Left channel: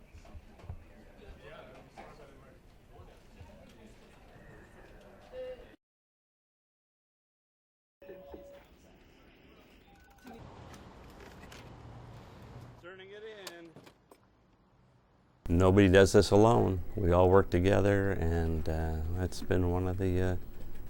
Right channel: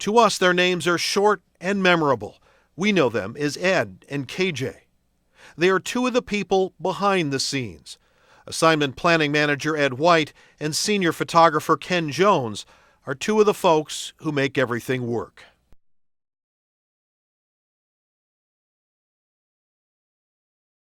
To us, their names are short and memorable. We know them as Ed and KJ. They are two of the people behind the scenes. Assignment planning manager Ed White and senior photographer Ken Jones are two of the folks who make everything work. Nobody does this alone. We all work together, and that's been one of the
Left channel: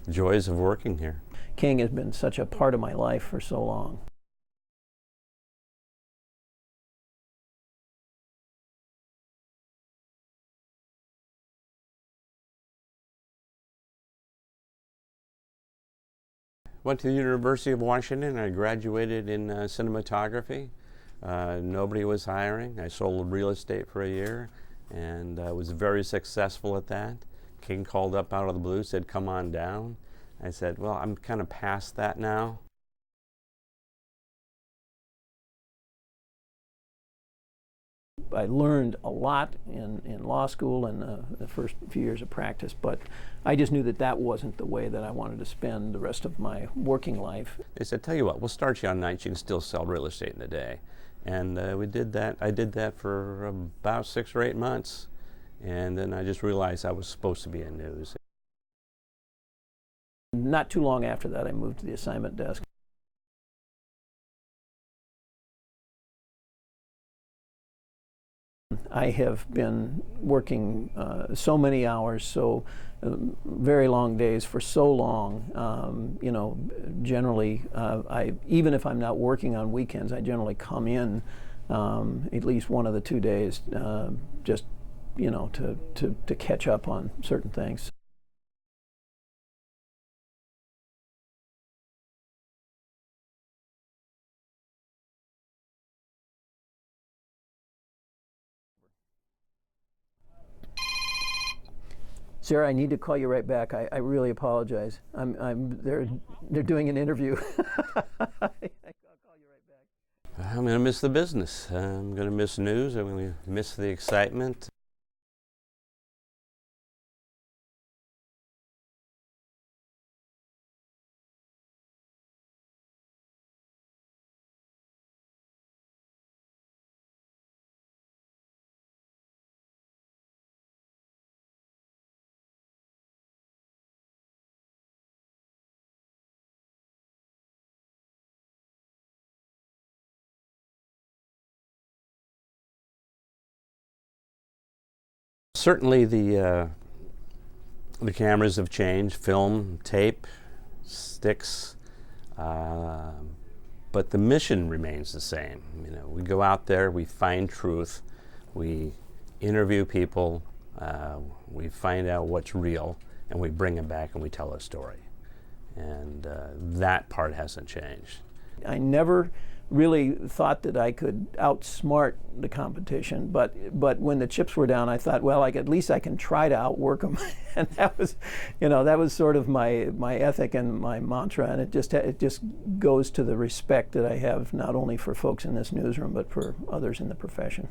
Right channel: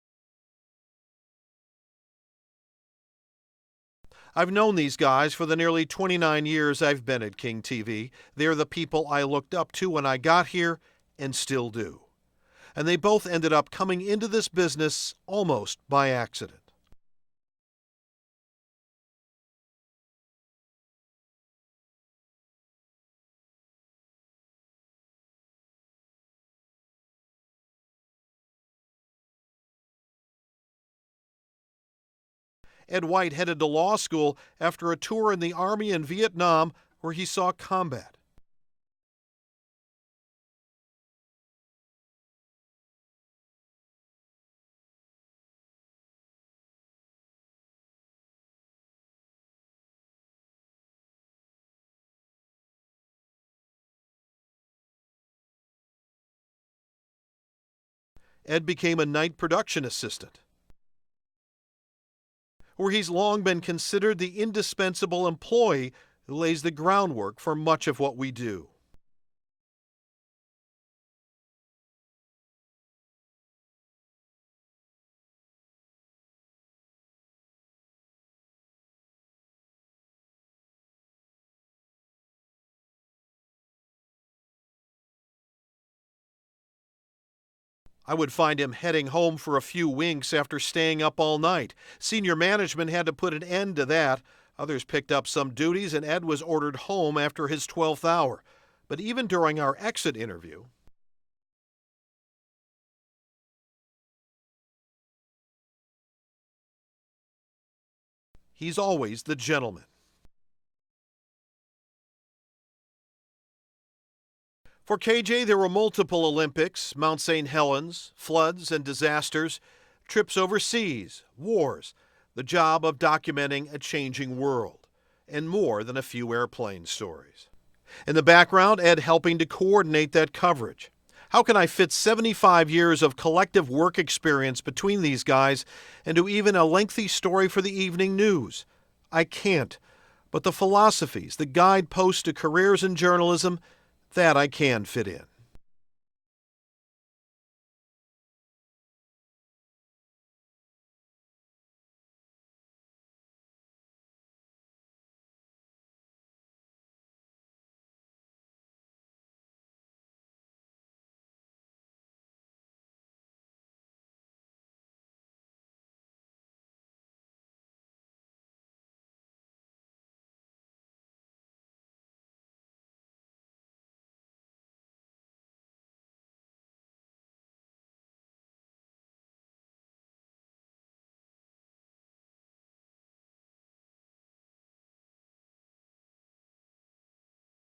joys of working here. King has been such a part of my life for so long. I've known these guys for the nearly 29 years I've been at King TV. They're the people I looked up to when I got here and still do. And they both ended up coming into this business almost by accident. Went to the University of Washington. I graduated in cinematography. Nobody was hiring. I sold real estate for a year and was very successful at that. King called up out of the blue, said, "Come on down." I said, "Well, I'm kind of past that now." Ed White headed to law school after a tour in the Army in Vietnam where he saw combat. I learned a lot in law school and the first few years of practice, but I just knew that that wasn't the way that I wanted to spend the rest of my working life. They said, "Tell you what, we'll start you on nights. You can still sell real estate in a day." And we did that. I did that for about 6 or 8 months. And then I just realized I was supposed to be in news. Ed became a night production assistant. Not too long after that, I moved to the assignment desk, where he's long been considered the indispensable employee who lays the groundwork for much of what we do. I have been working so many hours, so very long days for so long. You know, generally, even if I'm not working on weekends, I generally come in at least one of the 2 days just to catch up on certain things. I would find him heading home for a few winks after staying up all night. Senior management had to put an end to that. Others picked up some duties, and Ed was ordered home after his 12th hour. But even during our exit interview... Sarah, I need to call you right back. I really apologize. They're doing an interview. He's always the gentleman. I'm going to miss the business. I'm going to miss news. I'm going to miss the excitement. For KJ, there were multiple Olympics, Mount St. Helens, floods and disasters, trips overseas, wars, the job of documenting a changing world, and more than a few airplane stories. In the background, Ed helping to coordinate that coverage. How can I fit 75 years of collective work experience between these guys into even a lengthy story for the evening news? I can't. But the philosophies, the guideposts to careers in journalism, that I can fit in. Certainly the cameras have changed, film, tape, sticks, but the mission remains the same. You know, we go out there, we find truth, we interview people, we find out what's real, and we bring it back and we tell a story. And that part hasn't changed. I never really thought that I could outsmart the competition, but when the chips were down, I thought, well, at least I can try to outwork them, and that was sort of my ethic and my mantra, and it just goes to the respect that I have not only for folks in this newsroom but for others in the profession.